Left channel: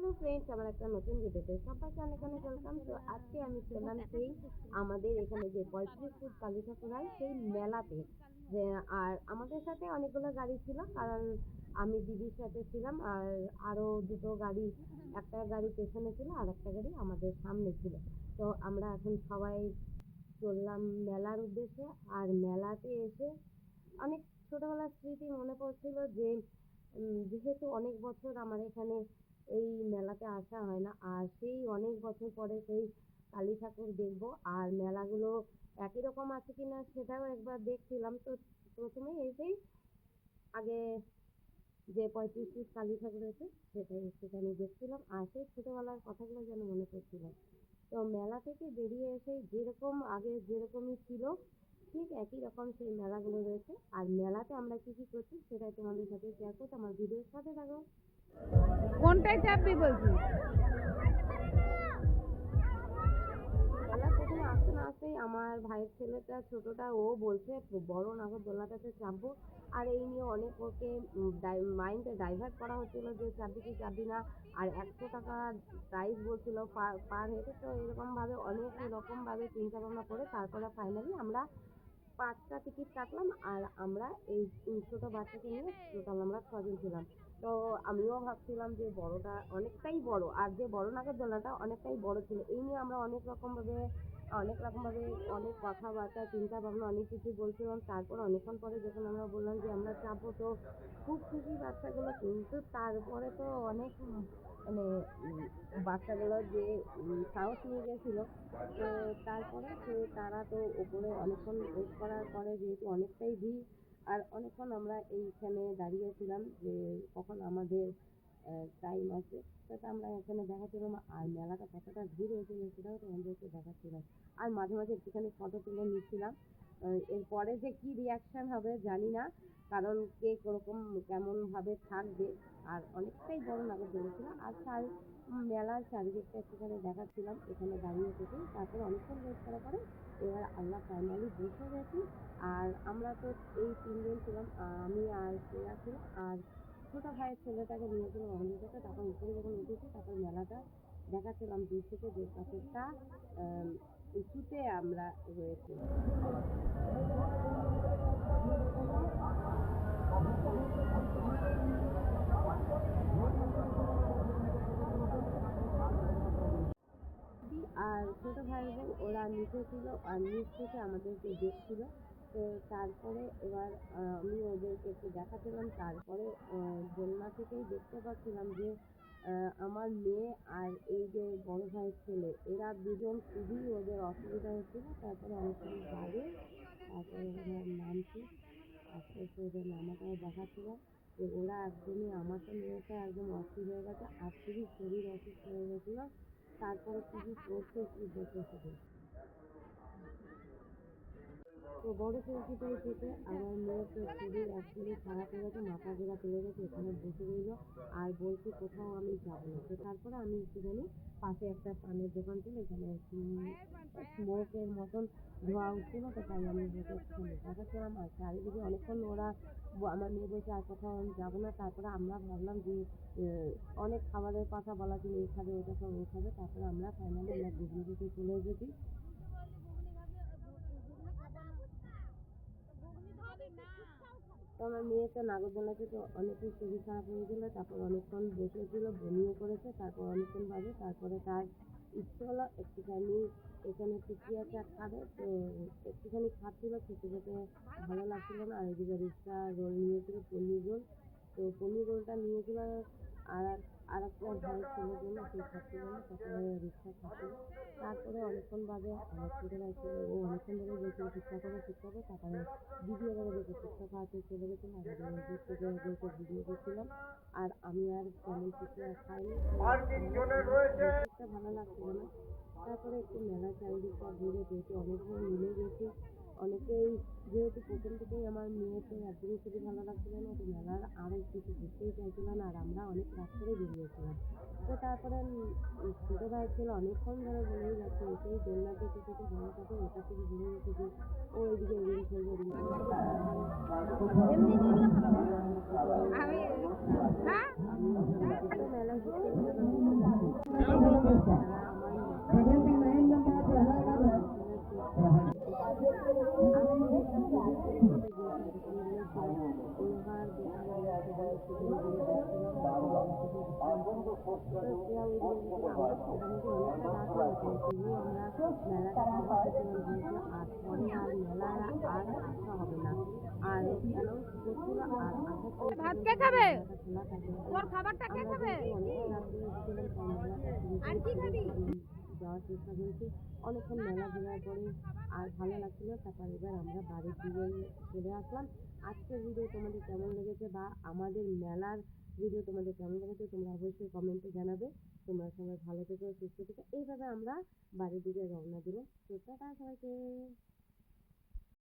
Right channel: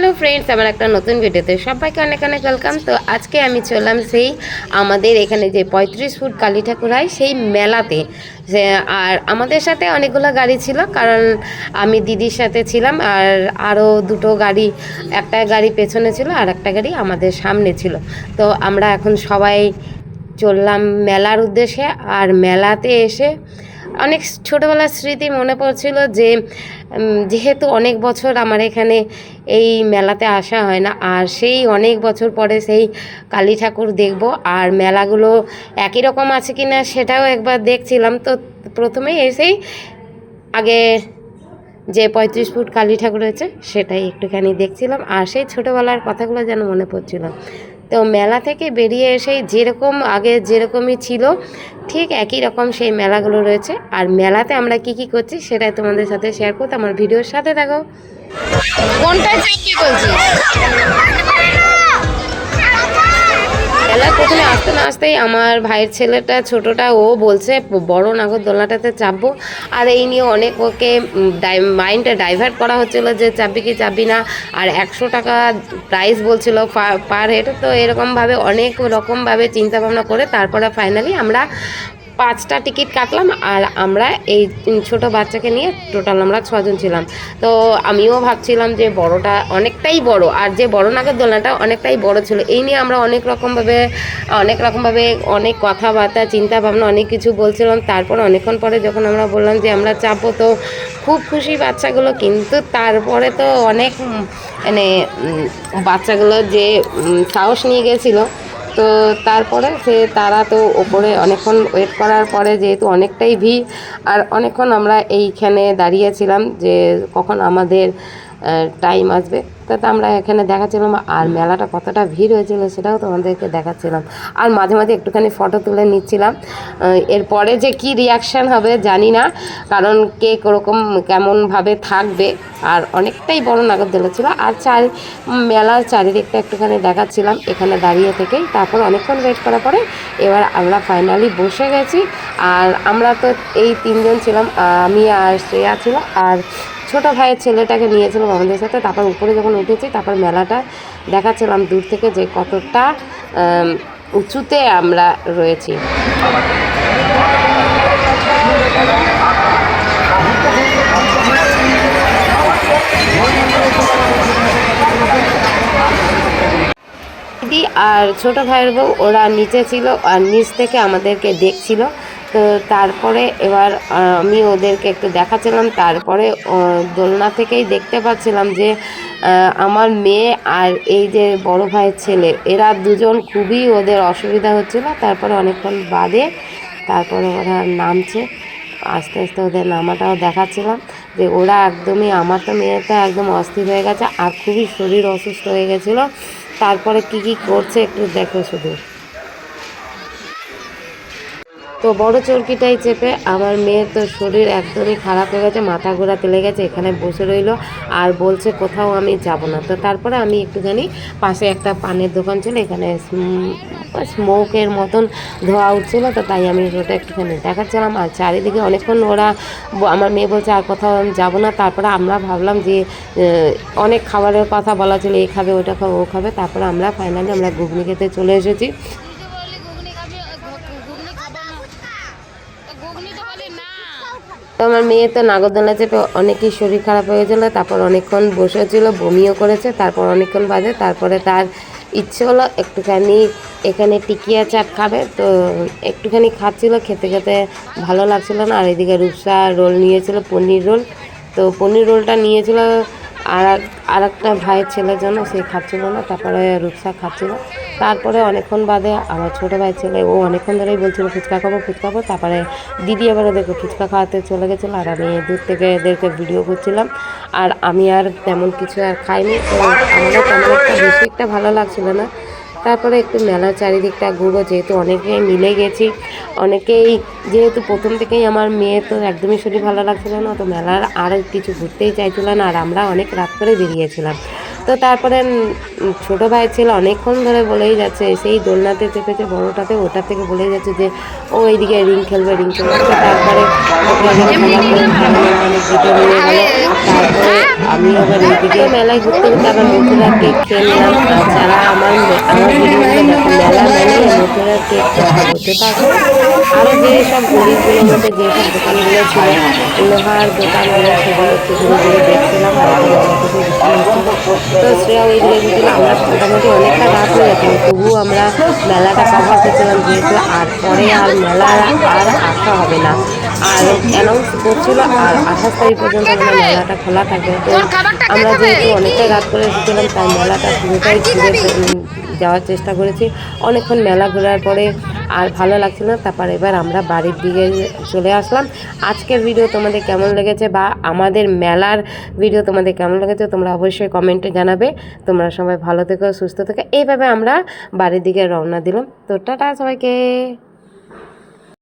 Hello friends, আমার একটা নতুন ভিডিওতে সবাইকে অনেক অনেক ওয়েলকাম। তো আজকে আমি চললাম সেই আমাদের এখানে যে 35 ফুট কালী ঠাকুর হয় সেই মেলাতে। আর আমাদের সাথে অনেকগুলো গাড়ি ছিল, কারণ আমি দিদির সাথে ছিলাম, আর আরও দুটো গাড়ি, একটা গাড়ি পেছনে ছিল আর একটা গাড়ি আমাদের সামনে ছিল। তো আমরা এখন সবাই চললাম মেলার উদ্দেশ্যে। আর মেলাতে এসে অনেক ছোটোবেলার স্মৃতি মনে পড়ছিল, যে যেহেতু অনেক বছর আমার এখানে এই মেলাতে আসা হয় না, আর সেই অনেক বছর পরে সেই কালী ঠাকুর দেখব। আর মেলাগুলো একই রকম আছে কি না সেটাও একবার দেখছিলাম। তো প্রথমে এসেই আগে যে 35 ফুট কালী ঠাকুর হয়েছে সেটাই একটুখানি দেখছিলাম, আর সেই ছোটোবেলার কথাগুলো যেন মনে পড়ছিল। তো মেলা থেকে বেরিয়ে এসেই যেরকম আগে যেরকমই ছিল ঠিক একই রকম সেই মেলাগুলো রয়েছে। আর মেলাতে আমরা কি কি করছি সেটাই তোমাদের সাথে শেয়ার করতে আমার ভিডিওর সাথে থাকো। কোনটা কি বলছিস? মেলা প্রথমে আসতে না আসতেই আমার ভাইয়ের ছেলেটা ছোটোটা ও বলছে বড় নাগরদোলনাটাতে চাপবো। আর এই নিয়ে অনেক ওকে মাইন্ডটা ডাইভার্ট করা হচ্ছিলো যে চাপবি কি চাপবি না। আর 100 টাকা প্রাইস বলছিল পার হেড। তো এরকমভাবে অনেক রকমভাবে চিন্তাভাবনা করে তারপরে ফাইনালি আমরা 5টা টিকিট কাটলাম। আর আমরা এই ছোট বাচ্চাকে নিয়ে টোটাল আমরা 6জন ছিলাম। তো আমিও ভাবছিলাম যে বড়টা অনেকটাই বড়, আর যে বড় নাগরদোলনাটা অনেকটাই বড় ছিল। এই নিয়ে আমরা অনেক রকমভাবে অনেক কথাবার্তা চিন্তা ভাবনা অনেক কিছু বলছিলাম। তারপর অনেকক্ষণ পরে যখন আমরা বললাম যে আমরা চাপবো, তো খুব খুশি বাচ্চাগুলো। কিন্তু তারপরে তো অনেক মানে বাচ্চাগুলো যে সাহস নিয়ে গেছিলো। তো তারপরে তারা তো ওপরে অনেকক্ষণ ওয়েট করার পরে, যেহেতু অনেকটাই ভিড় আর অনেকক্ষণ আমরা এইখানে দাঁড়িয়েছিলাম যে কখন আমাদের টাইম আসবে। তো আমরা এখানে দেখাচ্ছিলাম, আর মেলাটা কতটা ভিড় হয়েছিল সেটাও তোমাদেরকে দেখাচ্ছিলাম। আর মাঝে মাঝে একটুখানি ফটো তুলে নিচ্ছিলাম। এরপরে যে কি রিয়াকশান হবে জানি না, কারণ কে কেমনভাবে থাকবে। আর অনেকটাই বড় নাগরদোলা ছিল। আর মেলার চারিদিকটা একটুখানি দেখাচ্ছিলাম এখানে দাঁড়িয়ে থেকেই। তারপর অনেকক্ষণ ওয়েট করার পরে এবার আমরা ফাইনালি বসে গেছি। আর আমরা তো এই 3জন ছিলাম, আমি আর শ্রেয়া ছিল, আর ছোটো ভাইয়ের ছেলেটাকে নিয়েছিলাম আমাদের সাথে। তারপর উপরে যখন উঠেছি তারপর মেলাটা দেখাচ্ছিলাম দূর থেকে যে কতটা উঁচুতে আমরা রয়েছি। দিদি আর ছোটো ভাইয়ের বউ ওরা নিচে ছিল, আর নিচ থেকে আমাদেরকে দেখছিল। তো তারপরে এবার আমি ওদেরকে একটু দেখাচ্ছিলাম। তারপরে দোলনা থেকেই দেখতে পাচ্ছিলাম যে আমার মেয়ে আর এই যে বড় ভাইয়ের ছেলে, এরা দুজন খুবই ওদের অসুবিধা হচ্ছিল। তারপরে অনেকক্ষণ বাদে তারপরে ওরা নামছে, আস্তে আস্তে ওদের নামাটাও দেখাচ্ছিলাম যে ওরা একদমই, আমার তো মেয়েটা একদম অস্থির হয়ে গেছে আর খুবই শরীর অসুস্থ হয়ে গেছিলো। তারপরে কি করছে একটু দেখো শুধু। তো বড় চরকিটাই চেপে আমার মেয়ের তো শরীর একদমই খারাপ হয়ে গেছে, মাথা ঘোরাতে লেগেছে, এখানে বসে রইলো আর বলছে কোথাও আমি যাব না। তো তারপরে আমি একটুখানি পাশে একটা পানের দোকান ছিল, এখানে স্মোকের মতন ধোয়া উঠছিলো, তো তাই আমি ওটা একটুখানি দেখাচ্ছিলাম। আর চারিদিকে অনেকক্ষণ ওরা, আমার মেয়ে বলছে আর কোথাও আমি যাবো না। তারপরে আমরা ভাবলাম যে অনেক খাবারের কথা বলা ছিল, এ খাবে ওটা খাবে ও খাবে। তারপরে আমরা ফাইনালি আমরা ঘুগনি খেতে চলে এসেছি। তো আমার মেয়ে তো নাগরদোলা চেপে অনেকই শরীর খারাপ হয়ে গেছিলো। তারপর অনেকক্ষণ বসেছিল, বমিও করেছে। তারপর অনেকক্ষণ বাদে তারপরে তার ইচ্ছে হলো একটুখানি এখানে টিকিয়া চাট খাবে। তো একটুখানি খাচ্ছিল, খেতে খেতে ভালো লাগছিলো না। আর এদিকে রূপসা রোল নিয়েছিল, পনির রোল। তো পনির রোলটা নিয়েছিল আর একটা ভাইয়ের ছেলের জন্য, সে খাচ্ছিল না। তারপরে রূপসা খাচ্ছিল। তারপরে অনেকক্ষণ বাদে আমার ছোটো ভাইয়ের ছেলে, ও অনেকক্ষণ ধরেই বলছিল ফুচকা খাবো ফুচকা খাবো। তারপরে দিদি এবার ওদেরকে ফুচকা খাওয়াতে চলে গেছিলো, আর আমি দূর থেকে এদেরকে ভিডিও করছিলাম। আর আমি আর তেমন কিছু আর খাইনি। তো আমাদের তেমন বেশি একটা ভালো লাগছিলো না। তারপরে একটু মেলার চারিদিকটা ঘুরবো, যেহেতু অনেকেই মিলে গেছি, অনেকেই যেহেতু প্রথম থেকেই আমার মেয়ে তো একদমই শরীর ভালো লাগছিল না, তো মেলার আর কিছু ঘুরতেই চাইছিল না। আর আমরা অনেক রাত করে বেরিয়েছিলাম। তো তারপরে ছোটো ভাই ছিল অনেকক্ষণ ধরে বলেই যাচ্ছে, সেই দোলনাতে চেপেছে বড়োটাতে, ওটা থেকে বলেই যাচ্ছে যে ও এইদিকে রিং খেলবে রিং খেলবে। তো তারপরে ওকে আগে খেলা করে অনেক ভিডিও নিয়ে গেলো। তারপরে আমি আবার এইদিকে মেলায় ঘুরতে ঘুরতে আবার মথুরার কেক খেয়ে নিলাম। আর যারা আমার ভিডিওগুলো দেখো, মেলা মানে মথুরার কেক খাবো। তো তারপরে আরও যেসব গলিগুলোর মধ্যে যেসব দোকানগুলো ছিল, লোহার দোকানগুলো, সেগুলো একটু ঘুরে ঘুরে দেখছিলাম। তারপরে মেলা থেকে বৃষ্টি হচ্ছিল, তো শ্রেয়া ওই দিকে গেছিল। আমরা মোটামুটি অনেকটা রাত হয়ে গেছিলো, তবুও আমরা মেলাটা কভার করছিলাম, যেহেতু আর পরে আর মেলা আর আসা হবে না। আর অ্যানাউন্স করছিল আর 28 তারিখ পর্যন্ত মানে মেলাটা খোলা থাকে। তো আমরা যেহেতু অনেকটা রাত করে এসেছিলাম, তাই মেলাটা পুরোটাই ঘুরে যাওয়ার চেষ্টা করেছি। অনেকক্ষণ মেলা ঘোরার পরে আর ভালো লাগছিল না, তারপর এবার আমরা বাড়ির দিকে চলে আসলাম। আজকের ভিডিও তোমাদের কেমন লেগেছে বা আমাদের মেলার ভিডিও তোমাদের কেমন লেগেছে তোমরা অবশ্যই কমেন্টে জানাবে। তোমরা সবাই ভালো থেকো, সুস্থ থেকো। এইভাবে আমরা বাড়ির দিকে রওনা দিলাম। তো টাটা সবাইকে।